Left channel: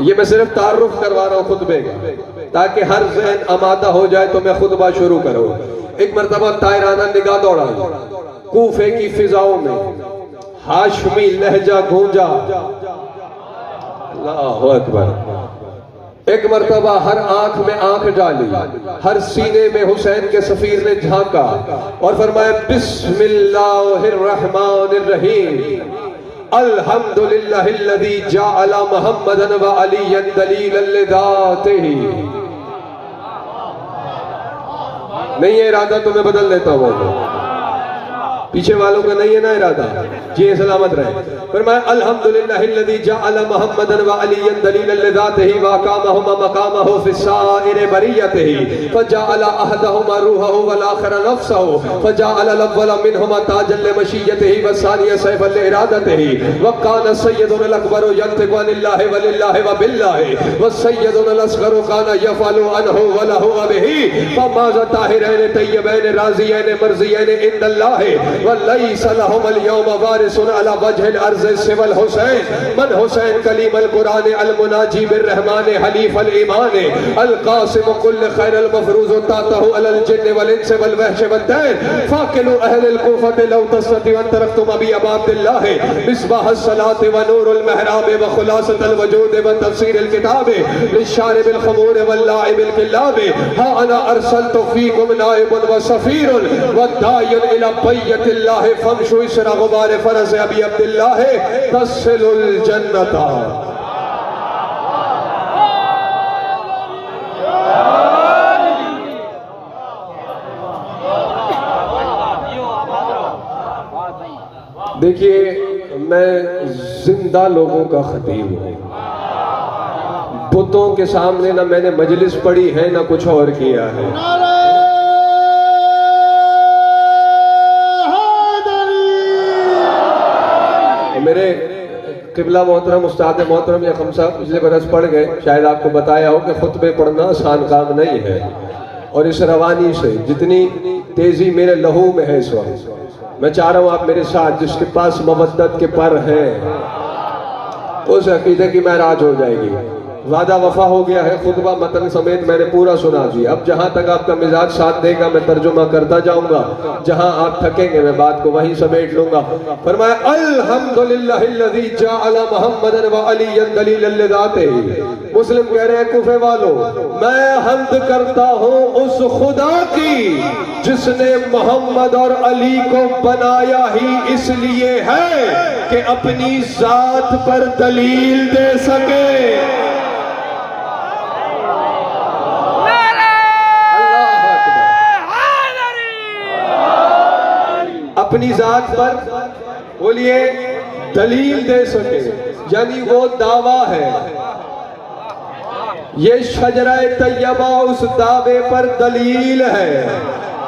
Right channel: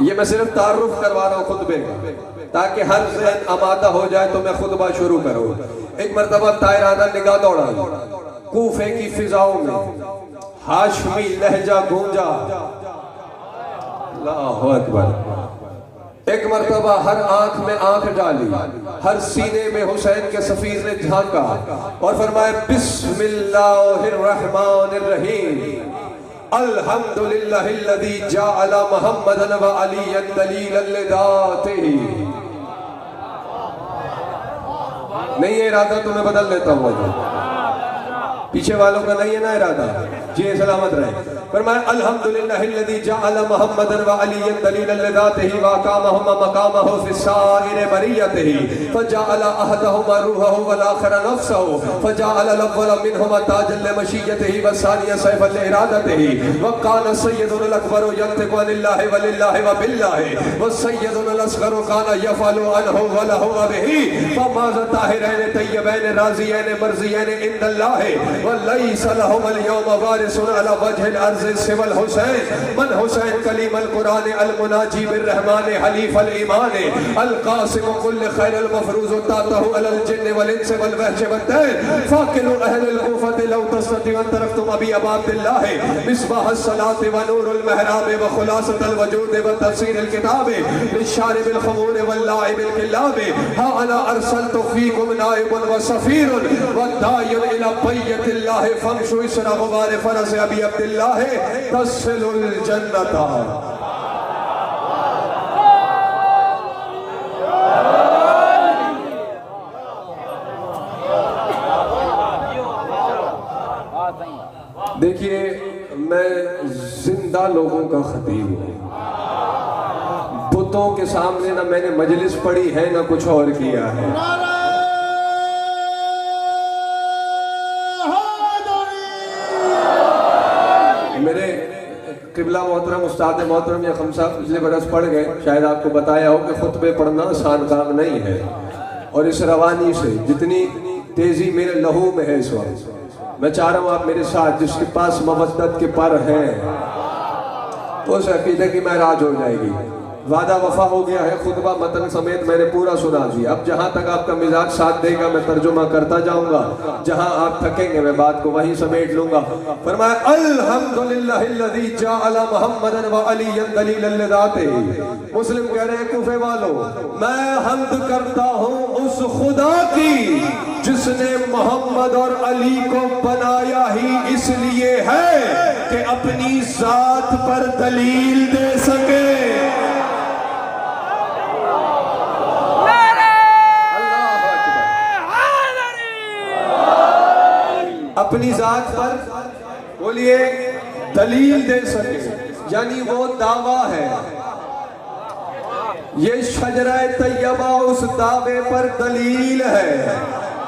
ये मैं सिर्फ तारुफ करवा रहा हूँ खुतबे का, ताकि हर ज़हन आमादा हो जाए तो मैं खुतबा शुरू करूँ। एक मरतबा तायराना निगाह दौड़ा, कूफे की फिजाओं में हाशमी लहजा गूंजा, अल्लाहु अकबर। एक मरतबा हर आंख में आंख डाली, हर सीने में हुसैन के सफीर ने झांका और फरमाया बिस्मिल्लाहिर्रहमानिर्रहीम अल्हम्दुलिल्लाहिल्लज़ी जअला मुहम्मदन व अलीयन दलीलन लिज़ातिही। नहीं है इरादा तो मैं बदल देता हूँ, पीछे वालों का नहीं है ना इरादा जी, सलामत रहे। फरमाया अल्हम्दुलिल्लाहिल्लज़ी जअला मुहम्मदन व अलीयन दलीलन लिज़ातिही व अक़ामहुमा मक़ामहु फ़िस्साइरि बरियतिही फजअला अहदहुमा रूहहु वल आखिर नफ्सहु फजअला अल-अव्वल मिनहुमा ताजन लिमशियतिही व सानिय सैफन लिइरादतिही व कान सय्यदुल अकबर यंतिकु अनिल्लाहि व लिल्लाहि व बिल्लाहि व सय्यदुल असग़र कान यफ़अलु अनहु व लहु व बिही फमाज़ा ताहिरैन तय्यबैन राज़ियैन मर्ज़ियैन इंदल्लाहि व लैसा लहुमुल यौम वारिसुन अला वजहिल अर्ज़ सिवल हुसैन मन हुसैन कलीम अल कुरान अल मुनाजी बिर रहमान हलीफ अल ईमान अल कासिम कुल खैर अल मफरूज तातहु अल जिन्न वल इंस वल वहश वल तैर फाकिलु अहल अल कूफत लौ तस्तति व तरक्तुम अबी अब्दुल्लाह मिसबाह अस सलात व नूर अल महराब व खुलासत अल वजूद व तफसीर अल किताब लिशारिब अल खमूर व लाइब अल किलाब हा अना अरसलतु फीकुम नाइबुन व सफीरुन व दायन इला बैतिल्लाह फमशु इसरा गुबार फरस अबी अब्दुल्लाह तसिलुल जन्नता। देखिए मैं जिंदा लोगों का खतीब हूँ, बुतों के सामने ना मैंने मजलिस पढ़ी है ना कुछ और किया है। मेरे किबला मोहतरम उस्ताद मोहतरम या खमसा पिछले बरस पढ़ गए, शायद आपको बताया हो कि खुतबे पढ़ना आसान काम नहीं है, और इस रवानी से जितनी तेजी मेरे लहू में है इस वक्त, मैं चाह रहा हूँ आप मेरे साथ, जिसके पास मवद्दत के पर है उस अकीदे की महराज हो जाएगी। वादा वफा हो गया है, खुतबा मतन समेत मैंने पूरा सुना दिया। अब जहां तक आपका मिजाज साथ देगा मैं तर्जुमा करता जाऊंगा, जहां आप थकेंगे मैं बात को वहीं समेट लूंगा। फरमाया अल्हम्दुलिल्लाहिल्लज़ी जअला मुहम्मदन व अलीयन दलीलन लिज़ातिही। मुस्लिम कह रहे हैं कूफे वालों, मैं हम्द करता हूं उस खुदा की जिसने मोहम्मद और अली को बनाया ही इसलिए है कि अपनी जात पर दलील दे सके। अपनी जात पर बोलिए दलील दे सके, यानी वो दावा है। ये शजरा तैयबा उस दावे पर दलील है।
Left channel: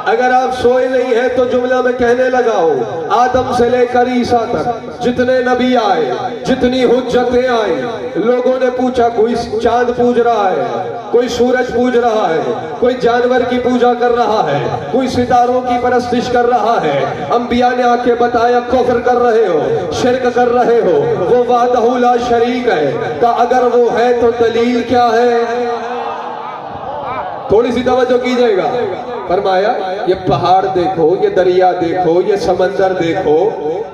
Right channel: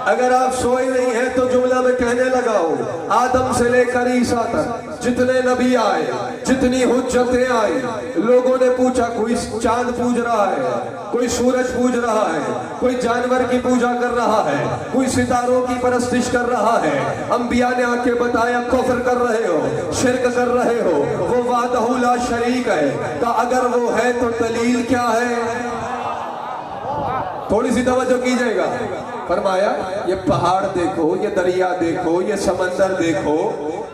अगर आप सोए नहीं है तो जुमला में कहने लगाओ, आदम से लेकर ईसा तक जितने नबी आए, जितनी हुज्जतें आई, लोगों ने पूछा कोई चांद पूज रहा है, कोई सूरज पूज रहा है, कोई जानवर की पूजा कर रहा है, कोई सितारों की परस्तिश कर रहा है। अंबिया ने आके बताया कुफ्र कर रहे हो, शिर्क कर रहे हो, वो वाहदहू ला शरीक है। का अगर वो है तो दलील क्या है? थोड़ी सी तवज्जो कीजिएगा। फरमाया ये पहाड़ देखो, ये दरिया देखो, ये समंदर देखो,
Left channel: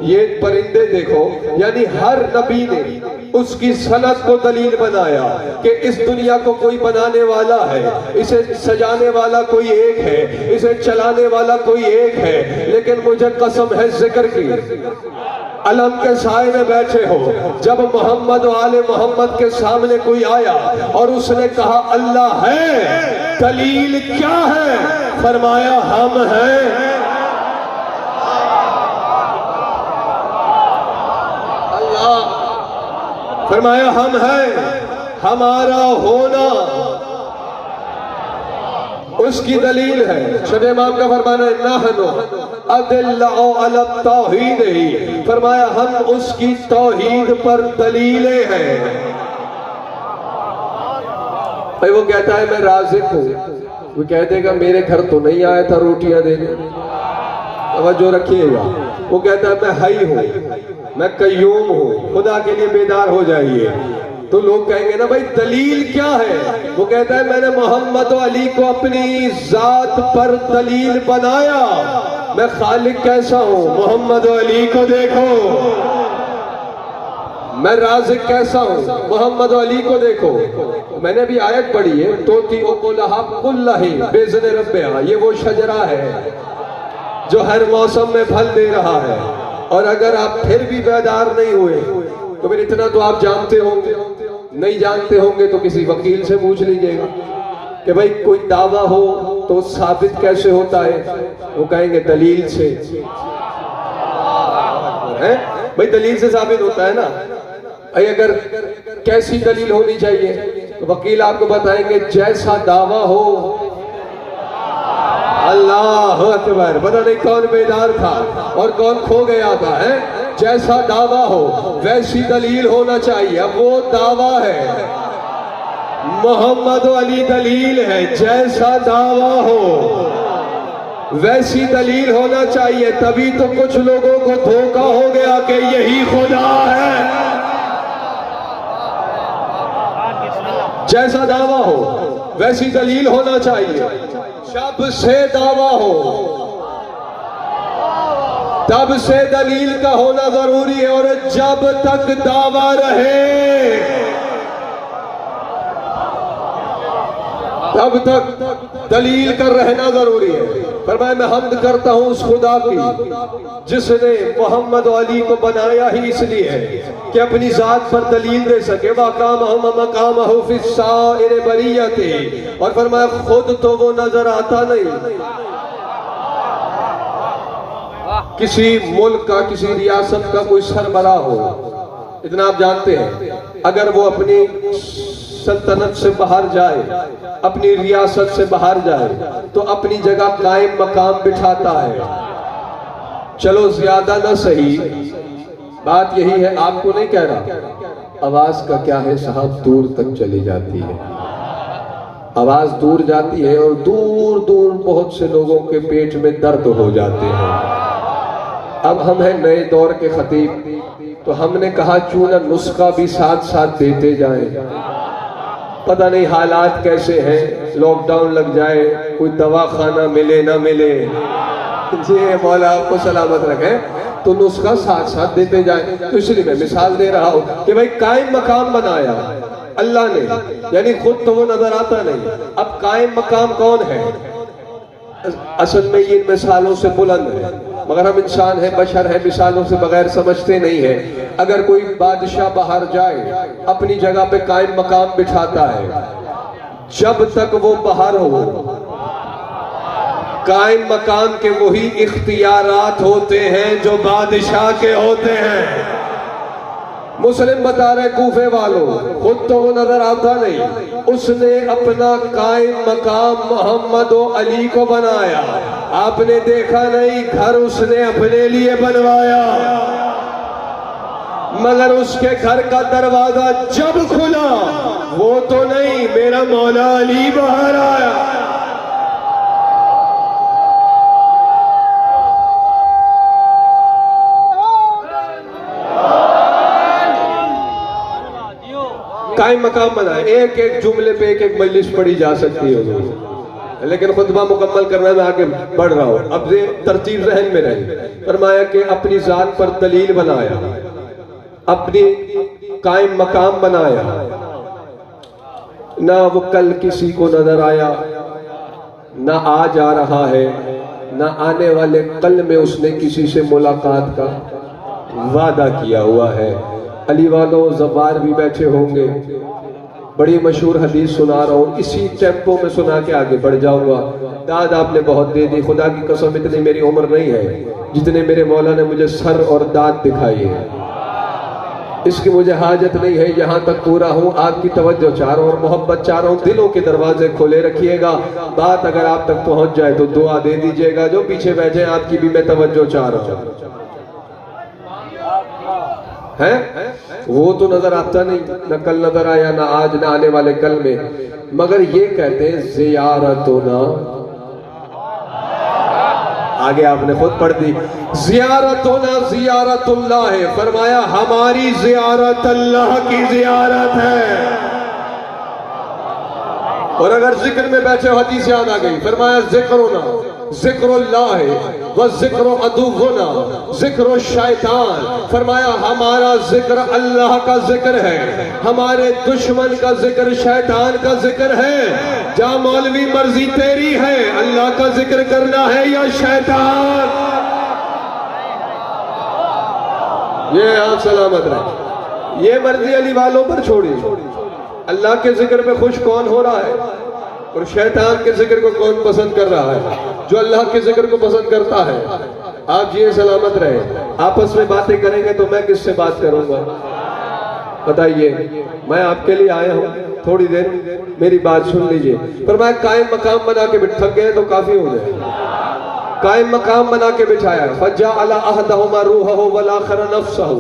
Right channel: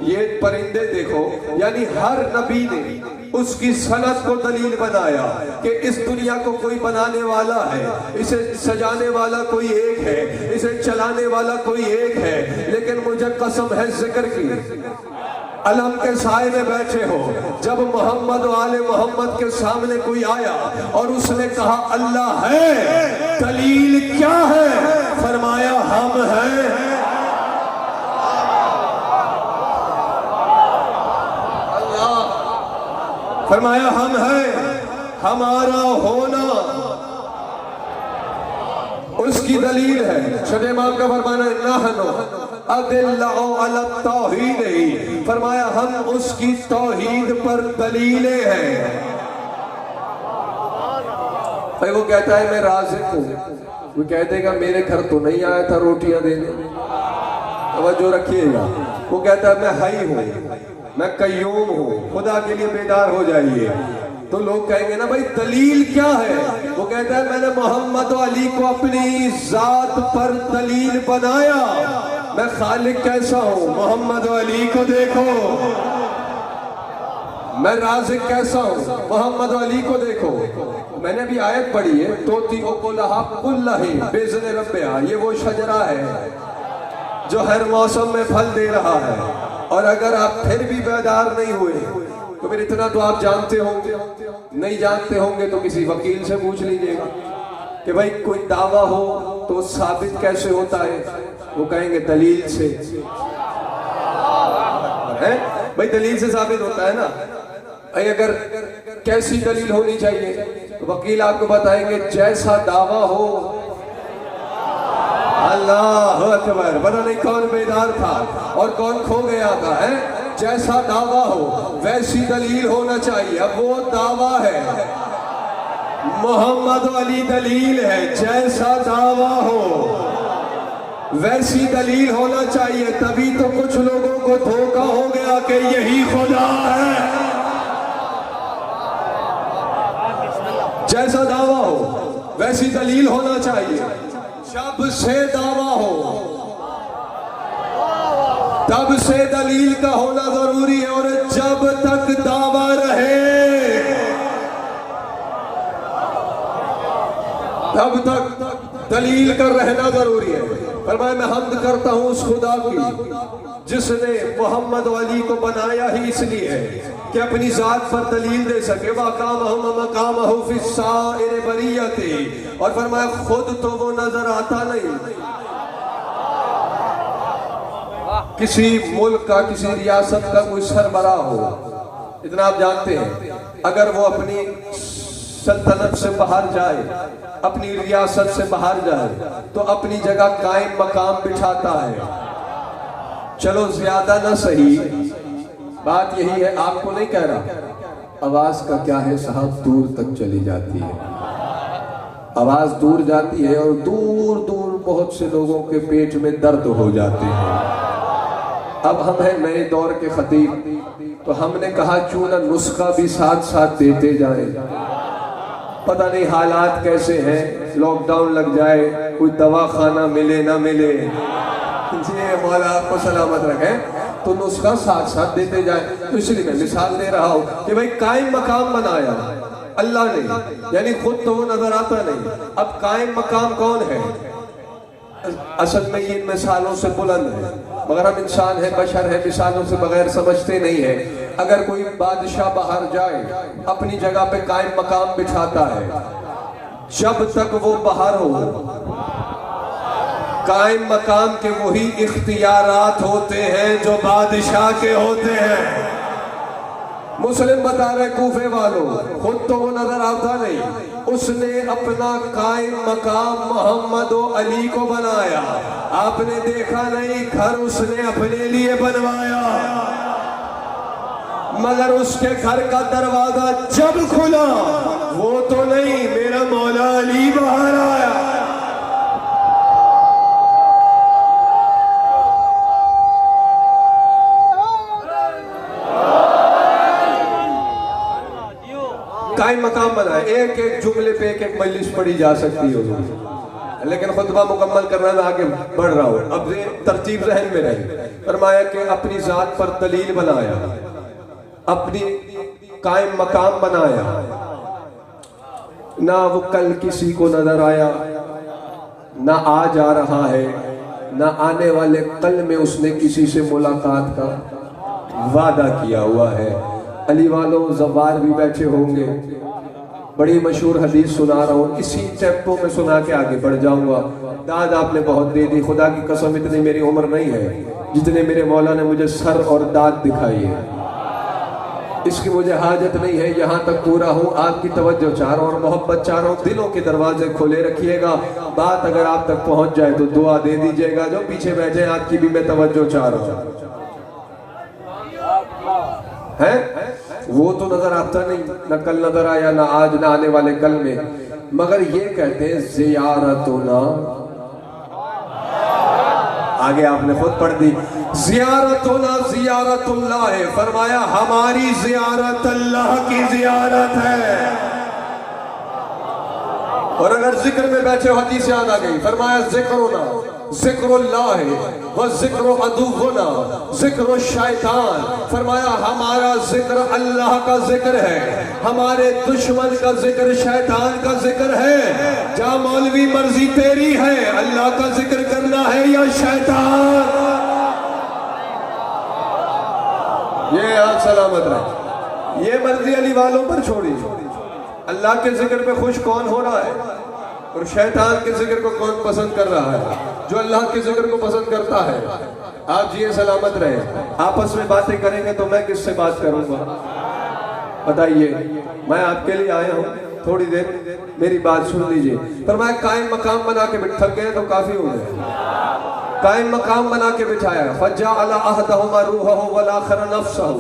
ये परिंदे देखो, यानी हर नबी ने उसकी सनत को दलील बनाया कि इस दुनिया को कोई बनाने वाला है, इसे सजाने वाला कोई एक है, इसे चलाने वाला कोई एक है। लेकिन मुझे कसम है जिक्र की, अलम के साए में बैठे हो, जब मोहम्मद और आले मोहम्मद के सामने कोई आया और उसने कहा अल्लाह है, दलील क्या है? फरमाया हम हैं। अल्लाह फरमाया हम हैं, हमारा होना उसकी दलील है। शब इमाम का फरमाना है नहनु अदिल्लाउ अला तौहीद ही, फरमाया हम उसकी तौहीद पर दलीलें हैं। भाई वो कहता है मैं राज़िक हूँ, वो कह देगा मेरे घर तो नहीं आया था रोटियां देने, तवज्जो रखिएगा। वो कहता है मैं हई हूँ, मैं कय्यूम हूँ, खुदा के लिए बेदार हो जाइए। तो लोग कहेंगे ना भाई दलील क्या है? वो कहता है मैंने मोहम्मद अली को अपनी जात पर दलील बनाया। मैं खालिक कैसा हूं? मोहम्मद अली को देखो। मैं राज़िक कैसा हूं? मोहम्मद अली को देखो। मैंने भी आयत पढ़ी है, तोती ओकुलहा कुल्लही बेज़न रब्बिहा, ये वो शजरा है जो हर मौसम में फल दे रहा है। और अगर आप फिर भी बेदार नहीं हुए तो फिर इतना तो आप जानते होंगे, नहीं जानते होंगे तो किसी वकील से पूछ लीजिएगा कि भाई कोई दावा हो तो साबित कैसे होता है? वो कहेंगे दलील से है। भाई दलील से साबित होता है ना। अगर कैसी दलील होनी चाहिए तो वकील आपको बताएंगे जैसा दावा हो। अल्लाह अकबर। पता नहीं कौन बेदार था और कौन खो गया था, है? जैसा दावा हो वैसी दलील होना चाहिए। अब वो दावा है, मोहम्मद अली दलील है। जैसा दावा हो वैसी दलील होना चाहिए। तभी तो कुछ लोगों को धोखा हो गया कि यही खुदा है। जैसा दावा हो वैसी दलील होना चाहिए। जब से दावा हो तब से दलील का होना जरूरी है। और जब तक दावा रहे तब तक दलील का रहना जरूरी है। फरमाया मैं हम्द करता हूं उस खुदा की जिसने मोहम्मद अली को बनाया ही इसलिए है कि अपनी जात पर दलील दे सके। और फरमाया खुद तो वो नजर आता नहीं। किसी मुल्क का, किसी रियासत का कोई सरबराह हो, इतना आप जानते हैं, अगर वो अपनी सल्तनत से बाहर जाए, अपनी रियासत से बाहर जाए तो अपनी जगह कायम मकाम बिठाता है। चलो ज्यादा ना सही, बात यही है। आपको नहीं कह रहा, आवाज का क्या है साहब, दूर तक चली जाती है। आवाज दूर जाती है और दूर दूर बहुत से लोगों के पेट में दर्द हो जाते हैं। अब हम हैं नए दौर के खतीब, तो हमने कहा क्यों ना नुस्खा भी साथ साथ देते जाएं। पता नहीं हालात कैसे हैं, लॉकडाउन लग जाए, कोई दवा खाना मिले ना मिले, जी मौला आपको सलामत रखे, तो नुस्खा साथ साथ देते जाए। तो इसलिए मैं मिसाल दे रहा हूं कि भाई कायम मकाम बनाया अल्लाह ने, यानी खुद तो वो नजर आता नहीं। अब कायम मकाम कौन है? असल में ये मिसालों से बुलंद है, मगर हम इंसान है, बशर है, मिसालों से बगैर समझते नहीं है। अगर कोई बादशाह बाहर जाए अपनी जगह पे कायम मकाम बिठाता है, जब तक वो बाहर हो कायम मकाम के वही इख्तियारात होते हैं जो बादशाह के होते हैं। मुस्लिम बता रहे कूफे वालों, खुद तो वो नजर आता नहीं, उसने अपना कायम मकाम मोहम्मद अली को बनाया। आपने देखा नहीं, घर उसने अपने लिए बनवाया, मगर उसके घर का दरवाजा जब खुला वो तो नहीं, मेरा मौला अली बाहर आया। कायम मकाम बनाए। एक एक जुमले पे एक एक मजलिस पढ़ी जा सकती है, लेकिन खुतबा मुकम्मल करना मैं आगे बढ़ रहा हूं। अब ये तरतीब जहन में रहे। फरमाया कि अपनी जात पर दलील बनाया, अपनी कायम मकाम बनाया, ना वो कल किसी को नजर आया, ना आज आ रहा है, ना आने वाले कल में उसने किसी से मुलाकात का वादा किया हुआ है। अली वालों ज़बार भी बैठे होंगे, बड़ी मशहूर हदीस सुना रहा हूँ, इसी टेम्पो में सुना के आगे बढ़ जाऊंगा। दाद आपने बहुत दे दी, खुदा की कसम इतनी मेरी उम्र नहीं है जितने मेरे मौला ने मुझे सर और दाद दिखाई है। इसकी मुझे हाजत नहीं है, यहाँ तक पूरा हूँ। आपकी तवज्जो चारों और मोहब्बत चारों दिलों के दरवाजे खोले रखिएगा। बात अगर आप तक पहुँच जाए तो दुआ दे दीजिएगा। जो पीछे बैठे आपकी भी मैं तवज्जो चाह रहा हूँ। है वो तो नजर आता नहीं, न कल नजर आया, ना आज, ना आने वाले कल में, मगर ये कहते हैं ज़ियारतुना। आगे आपने खुद पढ़ दी, ज़ियारतुना ज़ियारतुल्लाह है, फरमाया हमारी ज़ियारत अल्लाह की ज़ियारत है। और अगर जिक्र में बैठे हो हदीस याद आ गई, फरमाया ज़िक्रुना ज़िक्रुल्लाह है व ज़िक्र अदुव्वुना ज़िक्र शैतान, फरमाया हमारा जिक्र अल्लाह का जिक्र है, हमारे दुश्मन का जिक्र शैतान का जिक्र है। जा मौलवी मर्जी तेरी है, अल्लाह का जिक्र करना है या शैतान। ये आप सलामत रहे, ये मर्जी अली वालों पर छोड़ी। अल्लाह के जिक्र पे खुश कौन हो रहा है और शैतान के जिक्र को कौन पसंद कर रहा है? जो अल्लाह के जिक्र को पसंद करता है। आप ये सलामत रहे। आपस में बातें करेंगे तो मैं किससे बात करूंगा बताइए? मैं आपके लिए आया हूँ, थोड़ी देर मेरी बात सुन लीजिए। पर मैं कायम मकाम बना के थक गए तो काफी हो गए। कायम मकाम बना के बिठाया, फज्जाअला अहदहुमा रूहहु वल आखर नफ्सहु,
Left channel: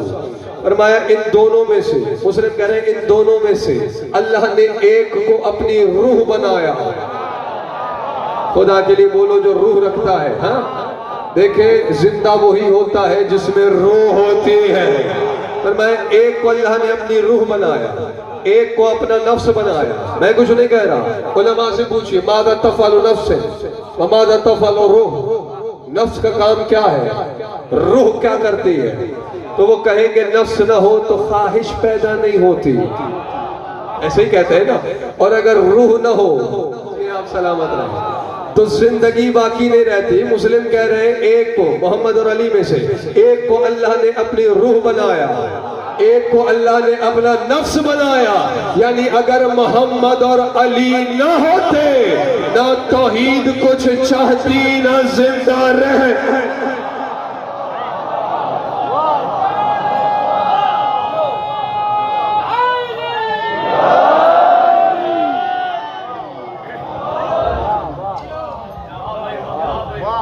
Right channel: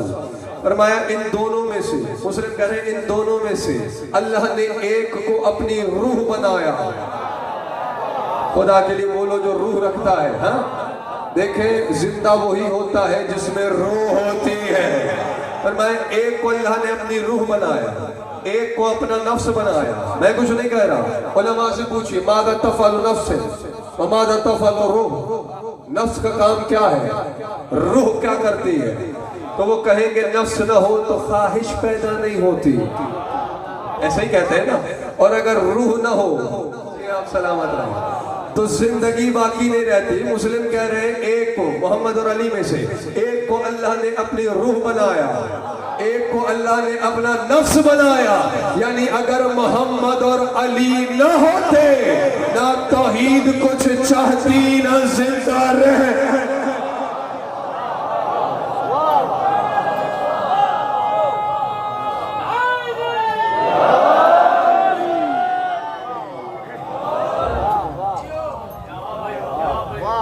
फरमाया इन दोनों में से, मुस्लिम कह रहे हैं इन दोनों में से अल्लाह ने एक को अपनी रूह बनाया। खुदा के लिए बोलो जो रूह रखता है। हाँ देखे, जिंदा वही होता है जिसमें रूह होती है। फरमाया एक को अल्लाह ने अपनी रूह बनाया, एक को अपना नफ्स बनाया। मैं कुछ नहीं कह रहा, उलमा से पूछिए मादा तफअलु नफ्स व मादा तफअलु रूह, नफ्स का काम क्या है, रूह क्या करती है? तो वो कहेंगे नफ्स न हो तो ख्वाहिश पैदा नहीं होती, ऐसे ही कहते हैं ना। और अगर रूह न हो, आप सलामत रहे, तो जिंदगी बाकी नहीं रहती। मुस्लिम कह रहे हैं एक को, मोहम्मद और अली में से एक को अल्लाह ने अपनी रूह बनाया, एक को अल्लाह ने अपना नफ्स बनाया। यानी अगर मोहम्मद और अली न होते, ना तौहीद कुछ चाहती ना जिंदा रहे।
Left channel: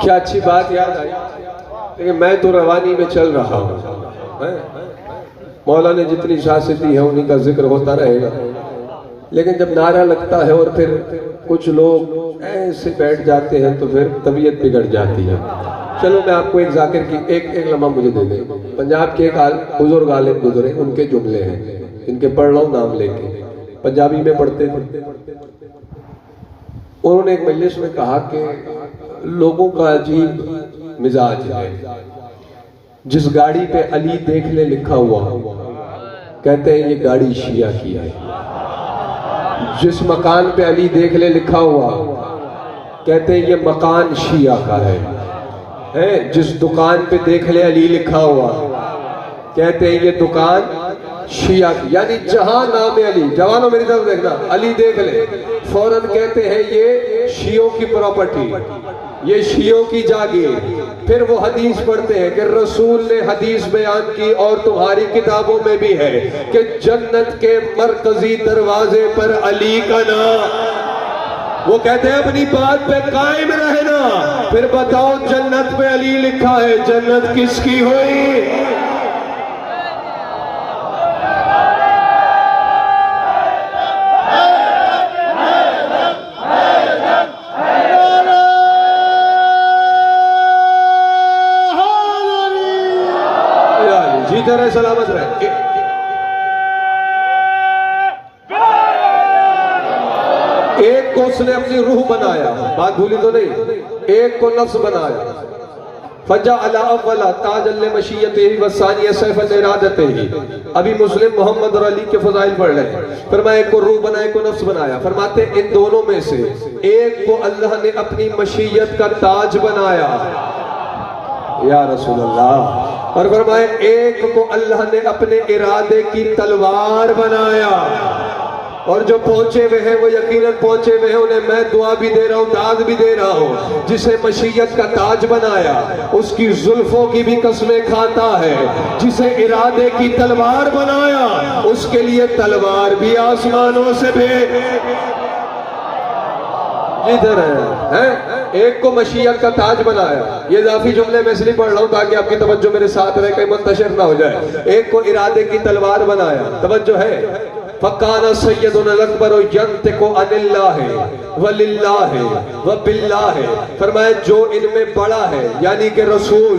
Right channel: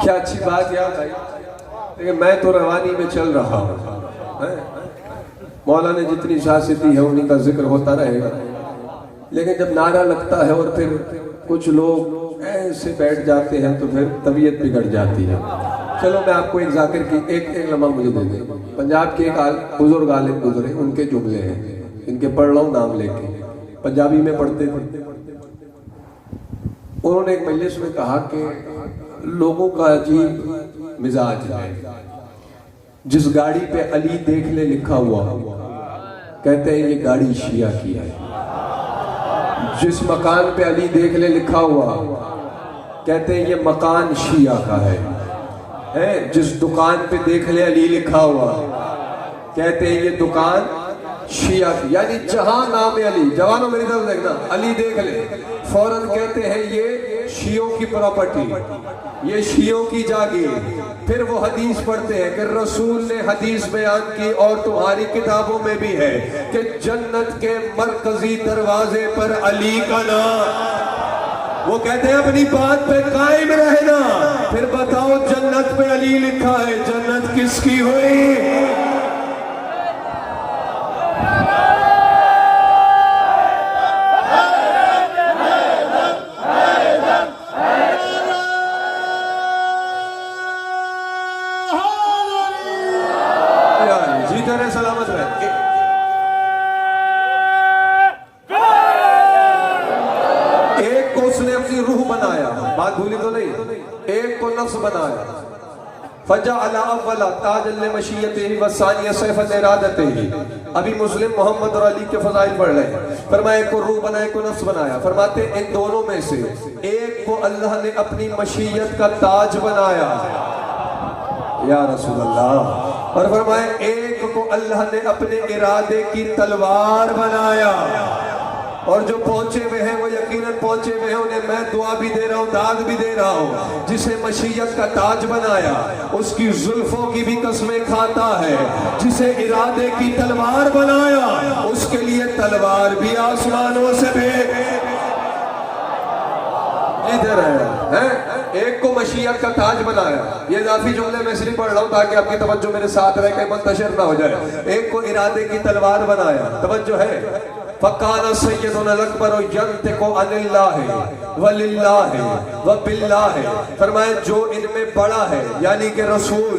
क्या अच्छी बात याद आई। लेकिन मैं तो रवानी में चल रहा हूँ। मौला ने जितनी शासी दी है उन्हीं का जिक्र होता रहेगा। लेकिन जब नारा लगता है और फिर कुछ लोग ऐसे बैठ जाते हैं तो फिर तबीयत बिगड़ जाती है। चलो मैं आपको एक जाकिर की एक लम्हा मुझे दे दें। पंजाब के एक बुजुर्ग आलिम गुजरे, उनके जुमले हैं, इनके पढ़ लो नाम लेके, पंजाबी में पढ़ते थे। उन्होंने एक मजलिस में कहा कि लोगों का अजीब मिजाज है, जिस गाड़ी पे अली देख ले लिखा हुआ कहते हैं ये गाड़ी शिया की है, जिस मकान पे अली देख ले लिखा हुआ कहते हैं ये मकान शिया का है, जिस दुकान पे देख ले अली लिखा हुआ कहते हैं ये दुकान शिया की। यानी जहां नाम अली, जवानों मेरी तरफ देखना, अली देख ले फौरन कहते हैं ये शियों की प्रॉपर्टी, ये शियों की जागीर। फिर वो हदीस पढ़ते हैं कि रसूल ने हदीस बयान की और तुम्हारी किताबों में भी है कि जन्नत के मरकजी दरवाजे पर अली का नाम। वो कहते हैं अपनी बात पे कायम रहना। फिर बताओ जन्नत पे अली लिखा है, जन्नत किसकी हुई? सलामत रहे। एक को उसने अपनी रूह बनाया, बात भूली तो नहीं, एक को नफ्स बनाया। फजा अला अव्वला ताजल मशीयतिही व सानिया सैफल इरादतिही। अभी मुस्लिम मोहम्मद और अली के फजाइल पढ़ रहे हैं। फरमाया एक को रूह बनाया, एक को नफ्स बनाया। फरमाते इन दोनों में से एक को अल्लाह ने अपनी मशीयत का ताज बनाया या रसूल अल्लाह, और फरमाया एक को अल्लाह ने अपने इरादे की तलवार बनाया। और जो पहुंचे हुए हैं वो यकीनन पहुंचे हुए हैं, उन्हें मैं दुआ भी दे रहा हूँ, दाग भी दे रहा हूँ। जिसे मशीयत का ताज बनाया उसकी जुल्फों की भी कसमें खाता है, जिसे इरादे की तलवार बनाया उसके लिए तलवार भी आसमानों से भेज। इधर है एक को मशीयत का ताज बनाया। ये इजाफी जुमले में इसलिए पढ़ रहा हूँ ताकि आपकी तवज्जो मेरे साथ रहे, कहीं मुंतशिर ना हो जाए। एक को इरादे की तलवार बनाया, तवज्जो है। फकाना सय्यदुना अकबर यंतिकु अनिल्लाहि वलिल्लाहि व बिल्लाहि। फरमाया जो इनमें बड़ा है यानी कि रसूल,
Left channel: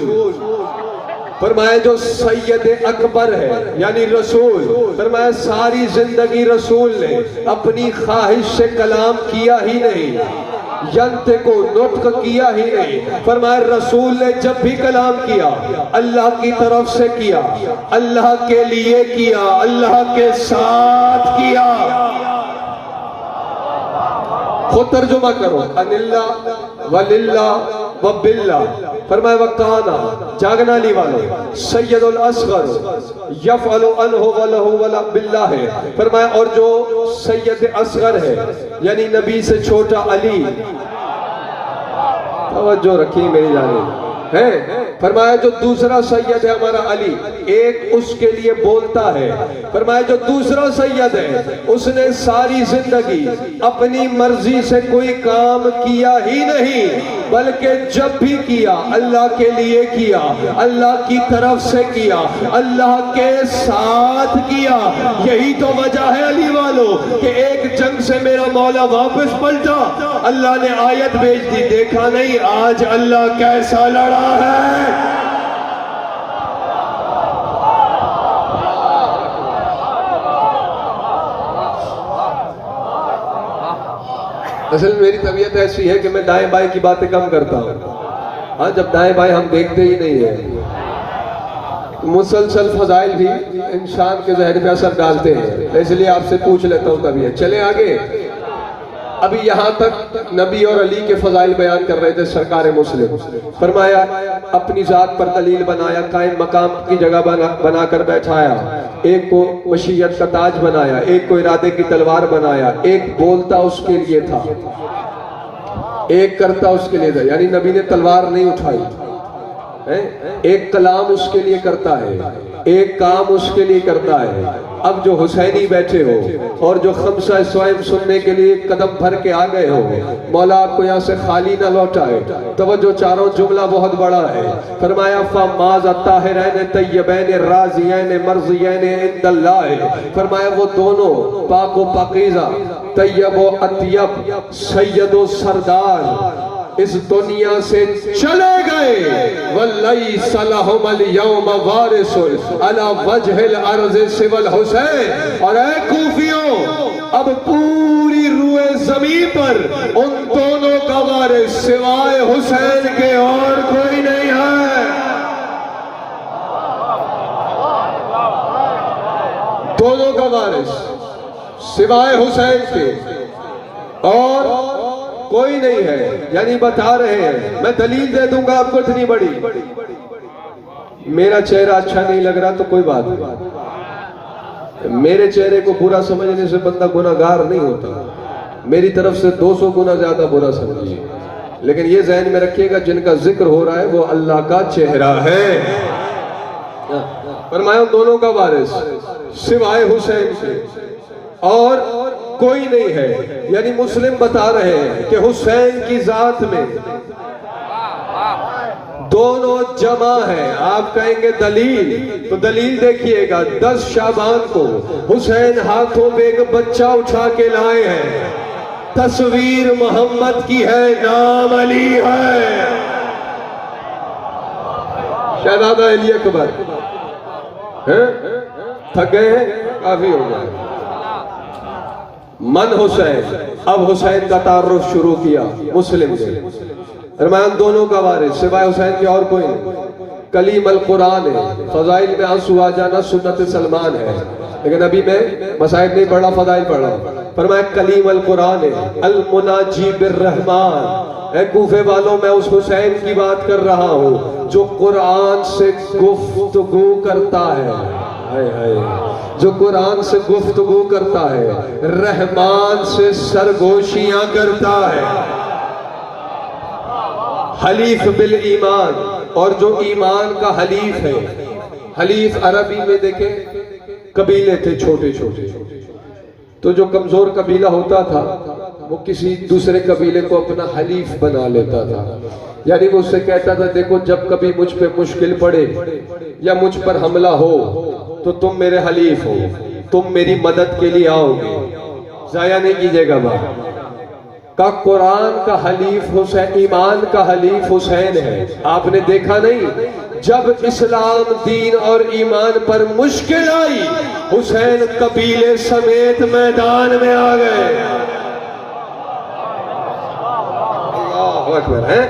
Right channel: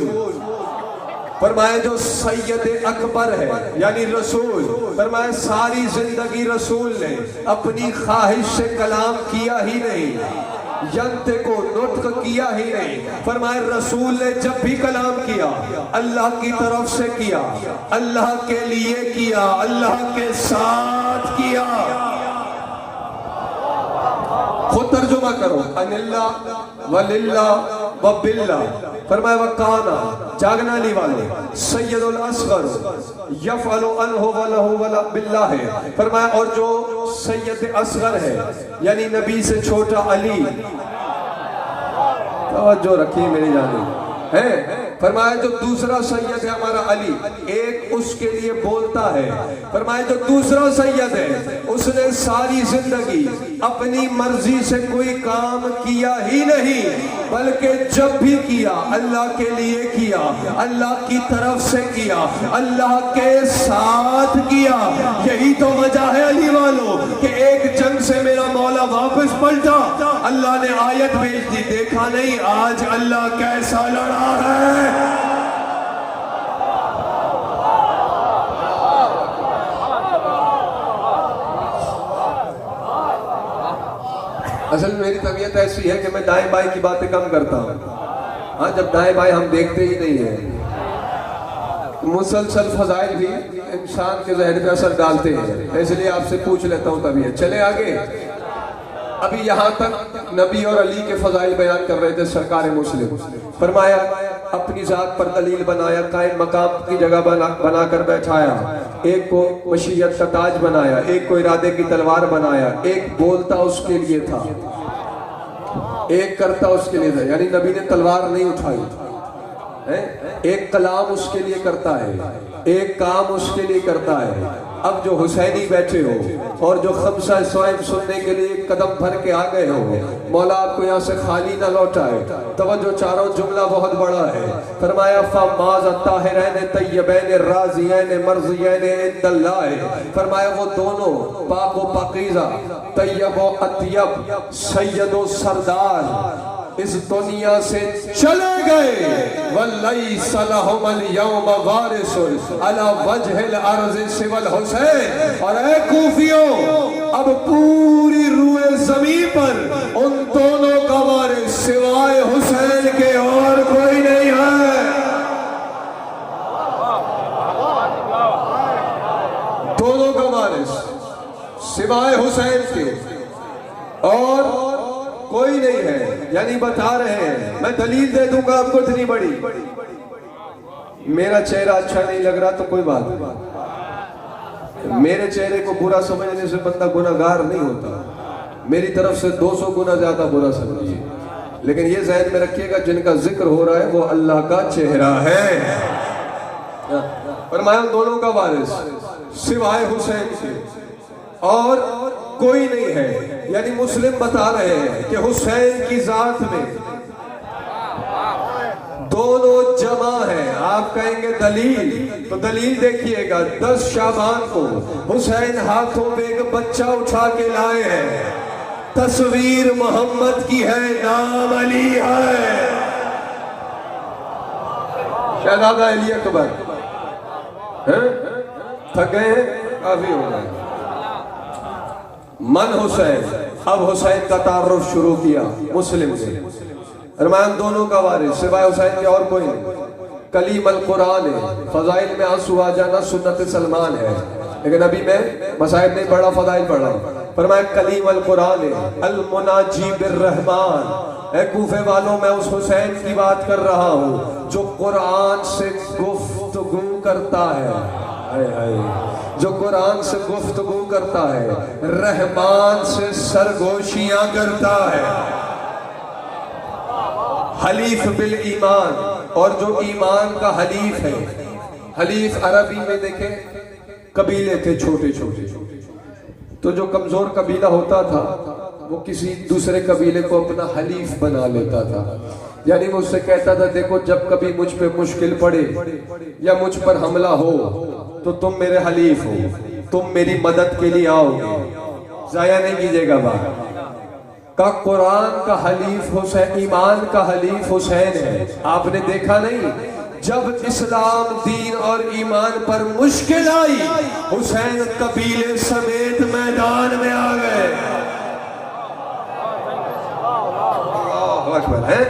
फरमाया जो सैयद अकबर है यानी रसूल, फरमाया सारी जिंदगी रसूल ने अपनी ख्वाहिश से कलाम किया ही नहीं, यंते को नुत्क किया ही नहीं। फरमाया रसूल ने जब भी कलाम किया अल्लाह की तरफ से किया, अल्लाह के लिए किया, अल्लाह के साथ किया। खुद तर्जुमा करो, अनिल्ला वलिल्ला व बिल्ला। फरमाया वकाना जागना ली वाले सैयदुल असगर यफअलु अनहु वलहु वला बिल्लाह है। फरमाया और जो सैयद असगर है यानी नबी से छोटा अली, जो रखी मेरी जानी है। फरमाया जो दूसरा सैयद है हमारा अली, एक उसके लिए बोलता है। फरमाया जो दूसरा सैयद है उसने सारी जिंदगी अपनी मर्जी से कोई काम किया ही नहीं, बल्कि जब भी किया अल्लाह के लिए किया, अल्लाह की तरफ से किया, अल्लाह के साथ किया। यही तो वजह है अली वालों कि एक जंग से मेरा मौला वापस पलटा, अल्लाह ने आयत भेज दी, देखा नहीं आज अल्लाह कैसा लड़ा है। असल मेरी तबीयत ऐसी है कि मैं दाएं बाएं की बातें कम करता हूँ। हाँ, जब दाएं बाएं हम देखते ही नहीं है। मुसलसल फजाइल भी इंसान के जहन पे असर डालते हैं, इसलिए आपसे पूछ लेता हूँ तबीयत। चले आगे। अभी यहाँ तक नबी और अली के फजाइल बयान कर रहे थे सरकार मुस्लिम। फरमाया अपनी जात पर दलील बनाया, कायम मकाम की जगह बनाकर बैठाया, एक को मशीयत का ताज बनाया, एक को इरादे की तलवार बनाया, एक बोलता उसके लिए था, एक करता उसके लिए था। यानी नबी ने तलवार नहीं उठाई है, एक कलाम उसके लिए करता है, एक काम उसके लिए करता है। अब जो हुसैनी बैठे हो और जो खमसा स्वयं सुनने के लिए कदम भर के आ गए हो, मौला आपको यहाँ से खाली ना लौटाए। तवज्जो, चारों जुमला बहुत बड़ा है। फरमाया फमाज़ ताहिरैन तय्यबैन राज़ियैन मर्ज़ियैन इंदल्लाह। फरमाया वो दोनों पाक व पाकीज़ा, तय्यब व अत्यब, सैयद व सरदार इस दुनिया से चले गए। वल्लैसा लहुमुल यौमा वारिसुन अला वजहिल अर्ज़ि सिवल हुसैन। और ऐ कूफियों, अब पूरी रूए ज़मीन पर उन दोनों का वारिस सिवाय हुसैन के और कोई नहीं है। दोनों का वारिस सिवाय हुसैन के और कोई नहीं है। यानी बता रहे हैं, मैं दलील दे दूंगा आपको इतनी बड़ी। मेरा चेहरा अच्छा नहीं लग रहा तो कोई बात नहीं, मेरे चेहरे को बुरा समझने से बंदा गुनाहगार नहीं होता। मेरी तरफ से 200 गुना ज्यादा बुरा समझिए, लेकिन ये ज़हन में रखिएगा जिनका जिक्र हो रहा है वो अल्लाह का चेहरा है। फरमाया दोनों का वारिस सिवाय हुसैन से और कोई नहीं है। यानी मुस्लिम बता रहे हैं कि हुसैन की जात में दोनों जमा है। आप कहेंगे दलील, तो दलील देखिएगा। 10 शाबान को हुसैन हाथों में एक बच्चा उठा के लाए हैं, तस्वीर मोहम्मद की है, नाम अली है। शहजादा अली अकबर थक गए हैं, काफी हो गए। मन हुसैन, अब हुसैन का तारुफ शुरू किया मुस्लिम से। फरमान दोनों का वारिस सिवाय हुसैन के और कोई नहीं। कलीम अल कुरान है, फजाइल में आंसू आ जाना सुन्नत सलमान है, लेकिन अभी मैं मसाइल नहीं पढ़ा, फजाइल पढ़ा। फरमाया कलीम अल कुरान है, अल मुनाजी बिर रहमान। ऐ कूफे वालों, मैं उस हुसैन की बात कर रहा हूँ जो कुरान से गुफ्तगू करता है। जो कुरान से गुफ्तगू करता है, रहमान से सरगोशियां करता है। हलीफ बिल ईमान, और जो ईमान का हलीफ है। हलीफ अरबी में देखे कबीले थे छोटे छोटे, तो जो कमजोर कबीला होता था वो किसी दूसरे कबीले को अपना हलीफ बना लेता था। यानी वो उससे कहता था देखो जब कभी मुझ पे मुश्किल पड़े या मुझ पर हमला हो तो तुम मेरे हलीफ हो, तुम मेरी मदद के लिए आओगे, जाया नहीं कीजिएगा बात का। कुरान का हलीफ हुसैन, ईमान का हलीफ हुसैन है। आपने देखा नहीं जब इस्लाम दीन और ईमान पर मुश्किल आई, हुसैन कबीले समेत मैदान में आ गए। अल्लाहु अकबर है।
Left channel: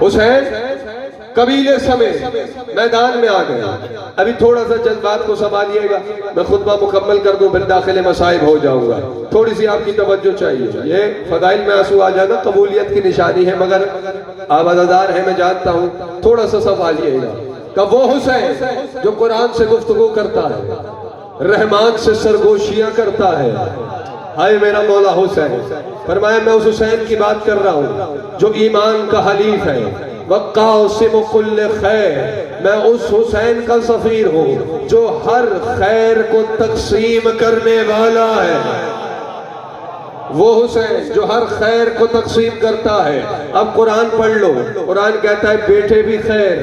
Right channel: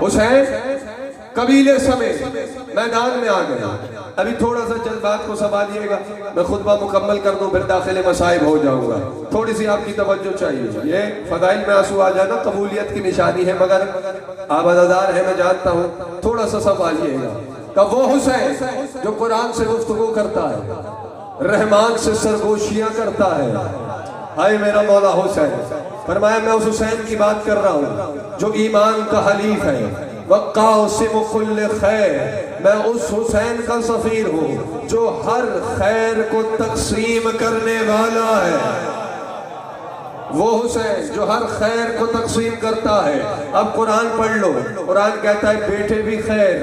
हुसैन कबीले समेत मैदान में आ गए। अभी थोड़ा सा जज्बात को संभालिएगा, मैं खुतबा मुकम्मल कर दूं, फिर दाखिले मसाइब हो जाऊंगा। थोड़ी सी आपकी तवज्जो चाहिए। ये फदाइल में आंसू आ जाना कबूलियत की निशानी है, मगर आप अदादार है, मैं जानता हूँ, थोड़ा सा संभालिएगा। का वो हुसैन जो कुरान से गुफ्तगू करता है, रहमान से सरगोशियां करता है। हाय मेरा मौला हुसैन। फरमाया मैं उस हुसैन की बात कर रहा हूँ जो ईमान का हलीफ है। वक़ासिम कुल्ल खैर, मैं उस हुसैन का सफीर हूँ जो हर खैर को तकसीम करने वाला है। वो हुसैन जो हर खैर को तकसीम करता है। अब कुरान पढ़ लो, कुरान कहता है बेटे भी खैर,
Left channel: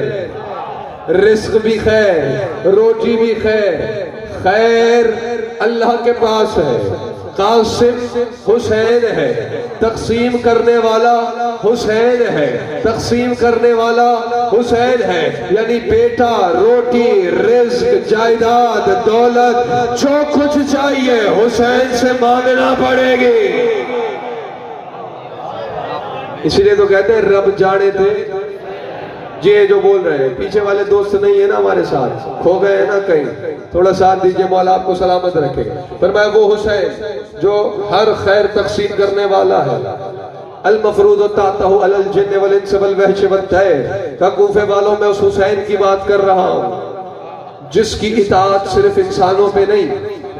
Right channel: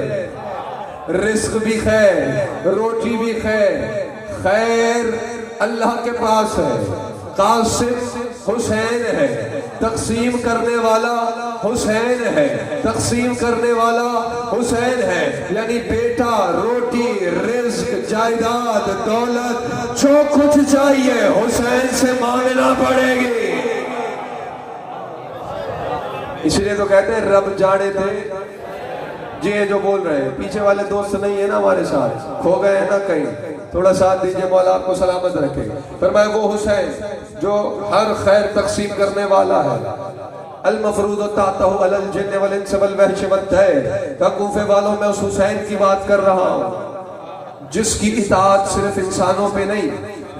रिस्क भी खैर, रोटी भी खैर। खैर अल्लाह के पास है। कासिम हुसैन है, तकसीम करने वाला हुसैन है, तकसीम करने वाला हुसैन है। यानी बेटा, रोटी, रिस्क, जायदाद, दौलत, जो कुछ चाहिए हुसैन से मांगना पड़ेगी। इसलिए तो कहते हैं रब जाने थे। ये जो बोल रहे हैं, पीछे वाले दोस्त नहीं है ना हमारे साथ, खो गए हैं ना कहीं, थोड़ा साथ दीजिए, मौला आपको सलामत रखे। फरमाया वो हुसैन जो हर खैर तकसीम करने वाला है। अल मफरूज तातहु अलल जिन्न वल इंस वल वहश वत तैर। का कूफे वालों में उस हुसैन की बात कर रहा हूँ जिसकी इताअत सिर्फ इंसानों पे नहीं,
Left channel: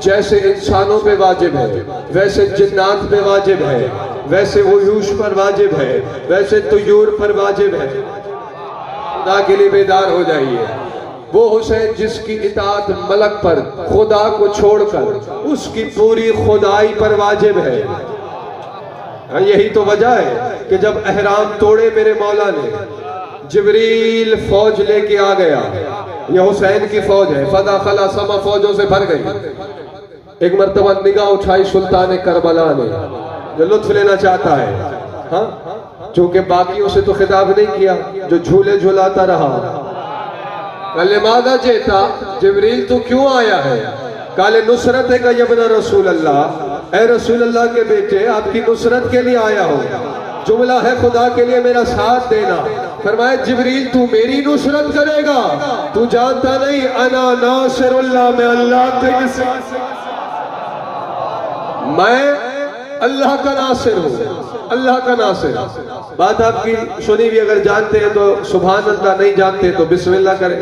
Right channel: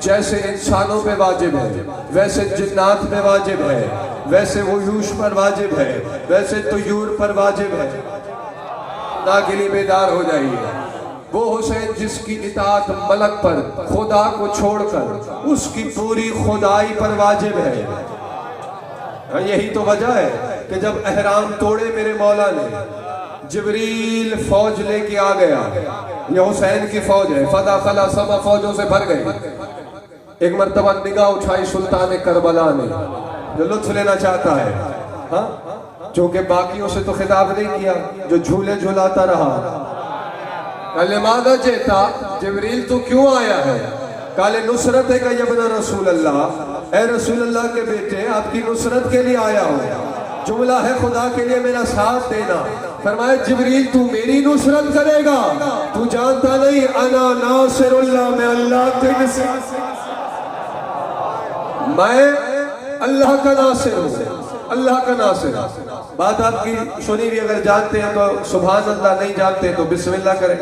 जैसे इंसानों पे वाजिब है वैसे जिन्नात पे वाजिब है, वैसे वयूश पर वाजिब है, वैसे तुयूर पर वाजिब है। खुदा के लिए बेदार हो जाइए। वो हुसैन जिसकी इताअत मलक पर, खुदा को छोड़कर उसकी पूरी खुदाई पर वाजिब है। यही तो वजह है कि जब एहराम तोड़े मेरे मौला ने, जिब्रील फौज लेके आ गया। ये हुसैन की फौज है। फदा खला समा फौजों से भर गई। एक मर्तबा निगाह उठाई सुल्तान करबला ने, जो लुत्फ लेना चाहता है, हाँ, जो कि बाकियों से तो खिताब नहीं किया, जो झूले झूलाता रहा। मादा चेता जिब्रील तू क्यों आया है? काले नुसरत है का यबना रसूल अल्लाह, ए रसूल अल्लाह के बेटे आपकी नुसरत के लिए आया हूँ। जुमला है खुदा के लिए मेरा साथ देना। फरमाया जिब्रील तू मेरी नुसरत करेगा? तू जानता नहीं अना नासिरुल्लाह, मैं अल्लाह मैं अल्लाह का नासिर हूँ, अल्लाह का नासिर। बात आपकी सुनी भी अगर जानते हैं तो सुभान अल्लाह, नहीं जानते तो बिस्मिल्लाह करें।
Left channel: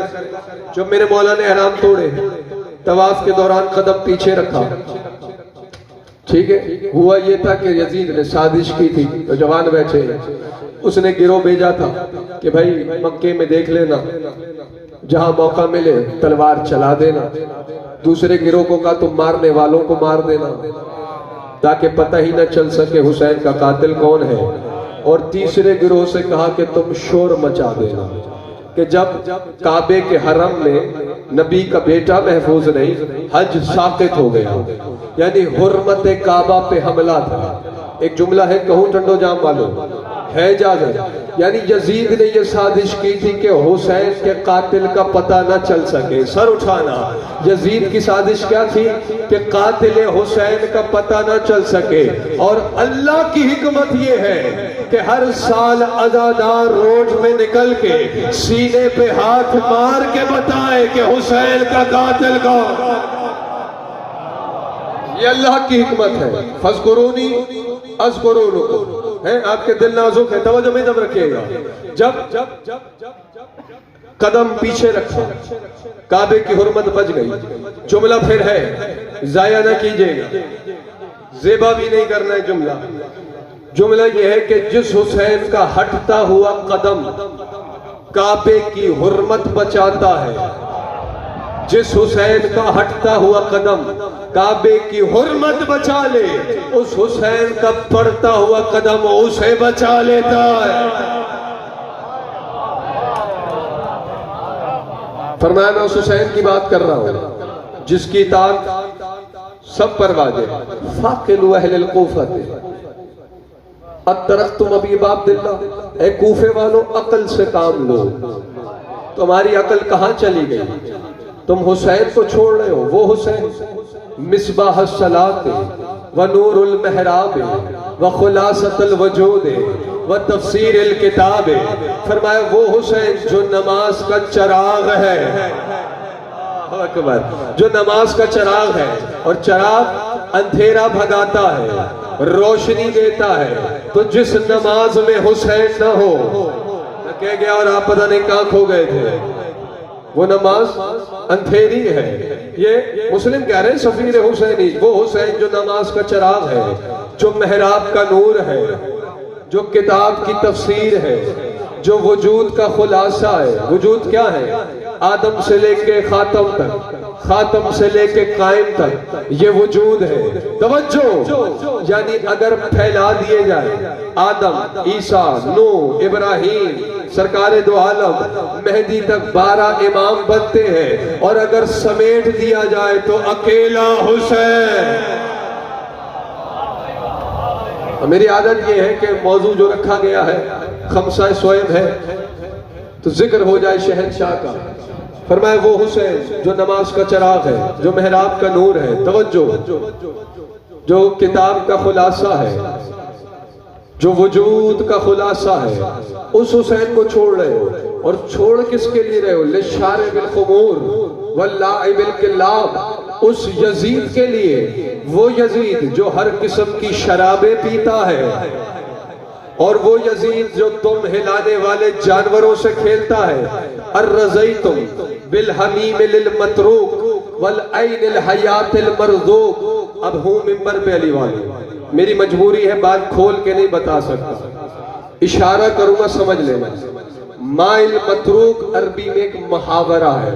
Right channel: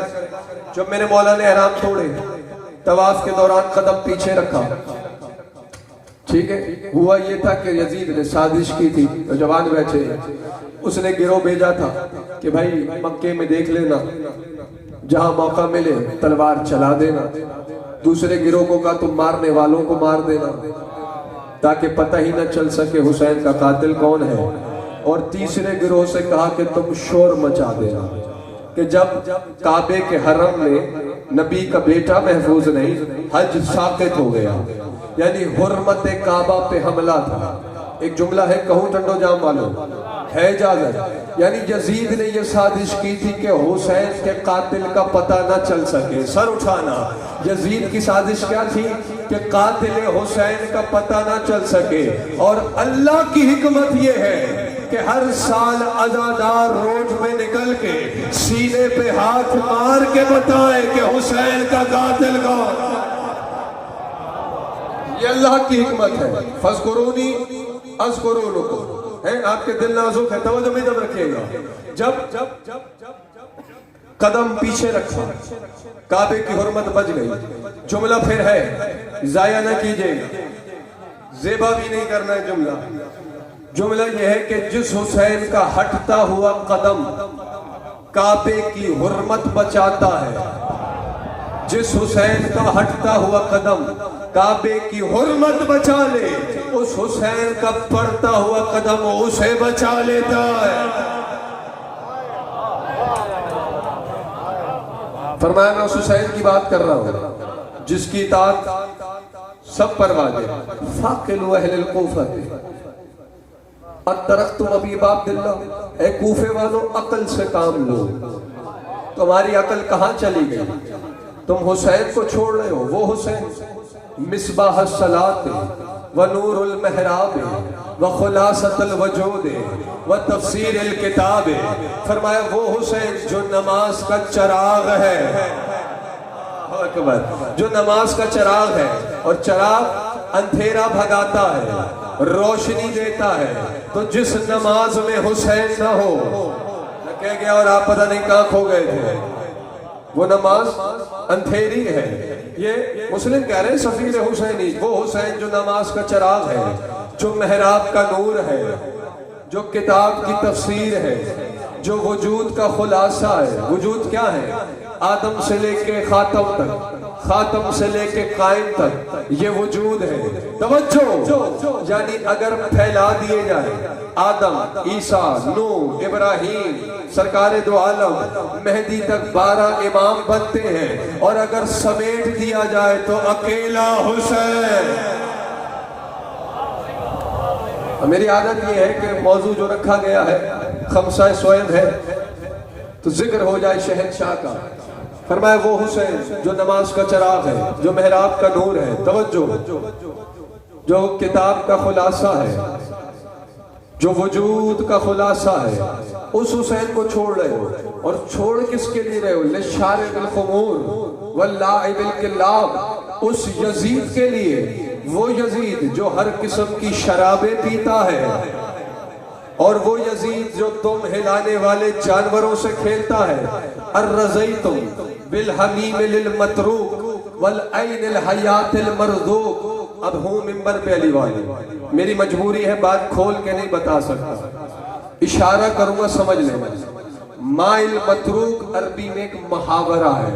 जब मेरे मौला ने एहराम तोड़े, तवाफ के दौरान कदम पीछे रखा, ठीक है, हुआ ये था कि यजीद ने साजिश की थी, तो जवान बैठे, उसने गिरोह भेजा था कि भाई मक्के में देख लेना, जहां मौका मिले तलवार चला देना। दूसरे गिरोह को कहा तुम मारने वालों को मार देना, ताकि पता ही न चल सके हुसैन का कातिल कौन है। और तीसरे गिरोह से कहा कि तुम शोर मचा देना कि जब काबे के हरम में नबी का बेटा महफूज नहीं, हज साकित हो गया, यानी हुर्मत काबा पे हमला था। एक जुमला है, कहूं टंडो जाम वालों है इजाजत, यानी यजीद ने यह साजिश की थी कि हुसैन के कातिल का पता न चल सके। सर उठाना, यजीद की साजिश क्या थी कि कातिल हुसैन का पता न चल सके। और अल्लाह की हिकमत यह है कि हर साल अज़ादार रोड में निकल के सीने पे हाथ मार के बताए कि हुसैन का कातिल कौन। ये अल्लाह की हिकमत है। फज़कुरूनी अज़कुरुकुम है। आपके दिल नाजुक है, तवज्जो में दम रखिएगा। जब कदम पीछे रखा, काबे की हुर्मत बच गई। जुमला फिर है, जाया ना कीजिएगा, ज़ेबा भी नहीं करना है जुमला। जुमला यह है कि जिस हुसैन का हटता हुआ कदम काबे की हुर्मत बचाता है, जिस हुसैन का हटता हुआ कदम काबे की हुर्मत बचा ले, उस हुसैन का बढ़ता हुआ कदम उसे बचा लेता है। फरमाया मैं उस हुसैन की बात कर रहा हूं जिसकी इताअत सब पर वाजिब है। फाकिलु अहलल कूफा अतरख्तुम अबी अब्दुल्लाह, ए कूफे वालों अकल से काम लो। तुम्हारी अकल कहाँ चली गई? तुम हुसैन को छोड़ रहे हो। वो हुसैन मिसबाह सलात व नूरुल महराब व खुलासतुल वजूद व तफसीरुल किताब। फरमाया वो हुसैन जो नमाज का चिराग है, जो नमाज का चिराग है, और चिराग अंधेरा भगाता है, रोशनी देता है। तो जिस नमाज में हुसैन न हो, न कह गया और आप पता नहीं कहाँ खो गए थे, वो नमाज अंधेरी है। ये मुस्लिम कह रहे हैं सफीर हुसैनी, वो हुसैन जो नमाज का चिराग है, जो मेहराब का नूर है, जो किताब की तफसीर है, जो वजूद का खुलासा है। वजूद क्या है? आदम से लेके खातम तक, खातम से लेके कायम तक ये वजूद है। तवज्जो, यानी अगर फैला दिए जाए आदम, ईसा, नूह, इब्राहिम, सरकारे दो आलम, मेहदी तक 12 इमाम बनते हैं, और अगर समेट दिया जाए तो अकेला हुसैन। मेरी आदत ये है कि मौजू जो रखा गया है खमसा स्वयं है, तो जिक्र हो जाए शहंशाह का। फरमाए वो हुसैन जो नमाज का चिराग है, जो मेहराब का नूर है, तवज्जो, जो किताब का खुलासा है, जो वजूद का खुलासा है, उस हुसैन को छोड़ रहे हो। और छोड़ किसके लिए रहे हो? लिशारिबिल खुमूर वल्लाइबिल किल्लाब, उस यजीद के लिए। वो यजीद जो हर किस्म की शराबें पीता है, और वो यजीद जो तुम हिलाने वाले जानवरों से खेलता है। अर्रज़ैतुम बिल हमीम लिल मतरूक वल ऐनिल हयातिल मरज़ूक। अब हूँ मिंबर पे अली वाले, मेरी मजबूरी है, बात खोल के नहीं बता सकता, इशारा करूंगा समझ लेना। माइल मतरूक अरबी में एक मुहावरा है,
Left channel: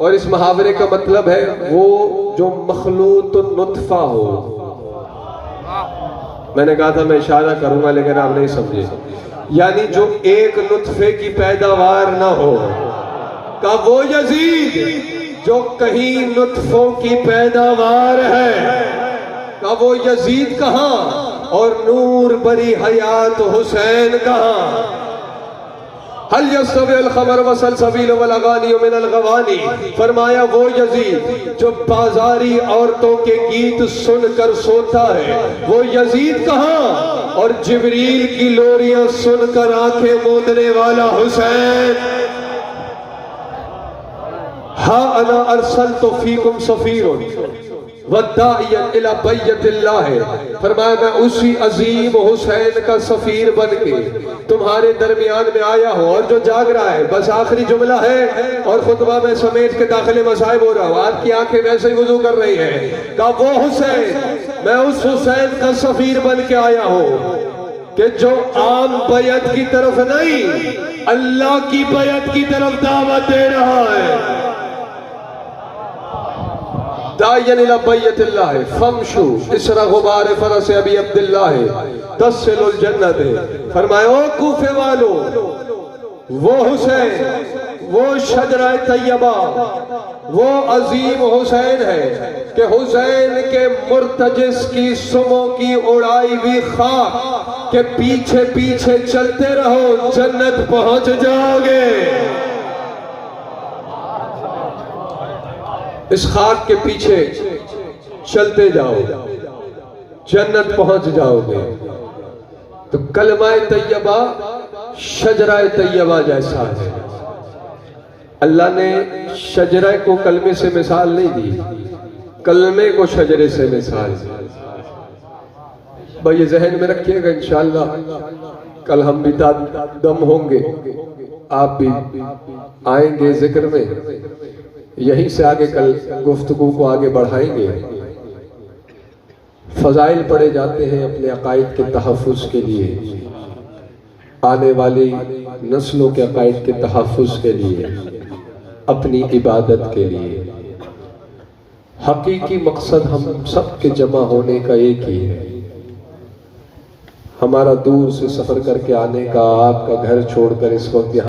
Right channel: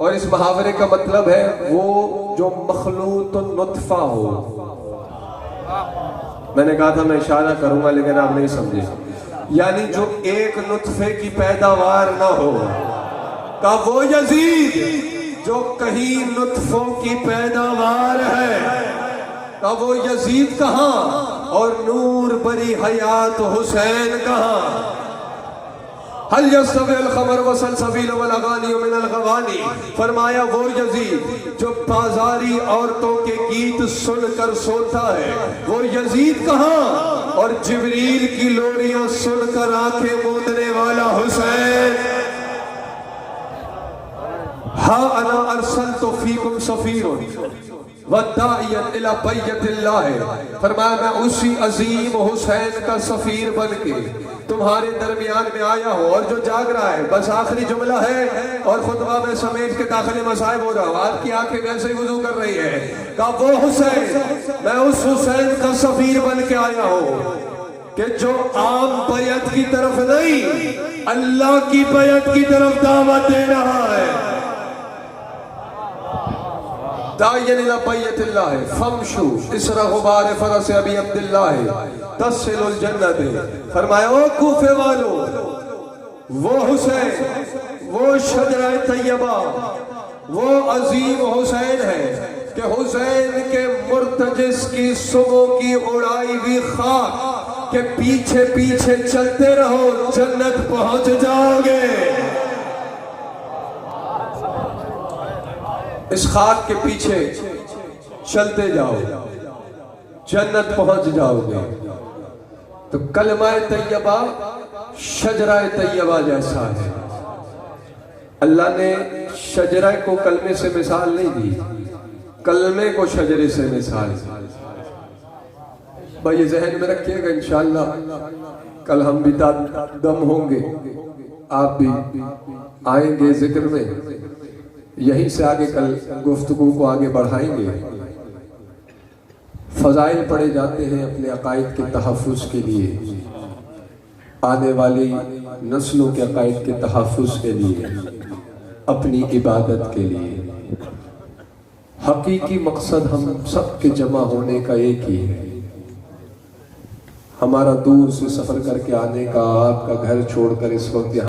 और इस मुहावरे का मतलब है वो जो मखलूत नुत्फा हो। मैंने कहा था मैं इशारा करूंगा, लेकिन आप नहीं समझे। यानी जो एक नुत्फे की पैदावार ना हो, का वो यजीद जो कहीं नुत्फों की पैदावार है, का वो यजीद कहां, और नूर बरी हयात हुसैन कहां? हल यस्तविल खबर व सलसबील वल अगानी मिनल गवानी। फरमाया वो यजीद जो बाजारी औरतों के गीत सुनकर सोता है, वो यजीद कहां? और जिब्रील की लोरियां सुनकर आंखें मूंदने वाला हुसैन। हा अना अरसलतु फीकुम सफीरुन वद्दाइयन इला बैतिल्लाह। फरमाया मैं उसी अजीम हुसैन का सफीर बन के तुम्हारे दरमियान में आया हूँ। और जो जाग रहा है, बस आखिरी जुमला है और खुतबा में समेट के दाखिले मसाइब हो रहा हूँ। आपकी आंखें वैसे ही वुजू कर रही हैं। का वो हुसैन, मैं उस हुसैन का सफीर बन के आया हूँ कि जो आम बैत की तरफ नहीं, अल्लाह की बैत की तरफ दावत दे रहा है। दायन इला बैतिल्लाह फमशु इसरा गुबार फरस अबी अब्दुल्लाह तस्सिलुल जन्नत। फरमाया कूफे वालों, वो हुसैन, वो शजरा तैयबा, वो अजीम हुसैन है कि हुसैन के मुर्तजिस की सुमों की उड़ाई हुई खाक के पीछे पीछे चलते रहो, जन्नत पहुंच जाओगे। इस खाक के पीछे चलते जाओ, जन्नत पहुंच जाओगे। तो कलमा तैयबा शजरा तैयबा जैसा है। अल्लाह ने शजरा को कलमे से मिसाल नहीं दी, कलमे को शजरे से मिसाल दी। भाई ये जहन में रखिएगा, इंशाअल्लाह कल हम भी दम होंगे, आप भी आएंगे जिक्र में। यहीं से आगे कल गुफ्तगू को आगे बढ़ाएंगे। फजाइल पढ़े जाते हैं अपने अकायद के तहफ़्फ़ुज़ के लिए, आने वाली नस्लों के अकायद के तहफ़्फ़ुज़ के लिए, अपनी इबादत के लिए। हकीकी मकसद हम सब के जमा होने का एक ही है। हमारा दूर से सफ़र करके आने का, आपका घर छोड़कर इस वक्त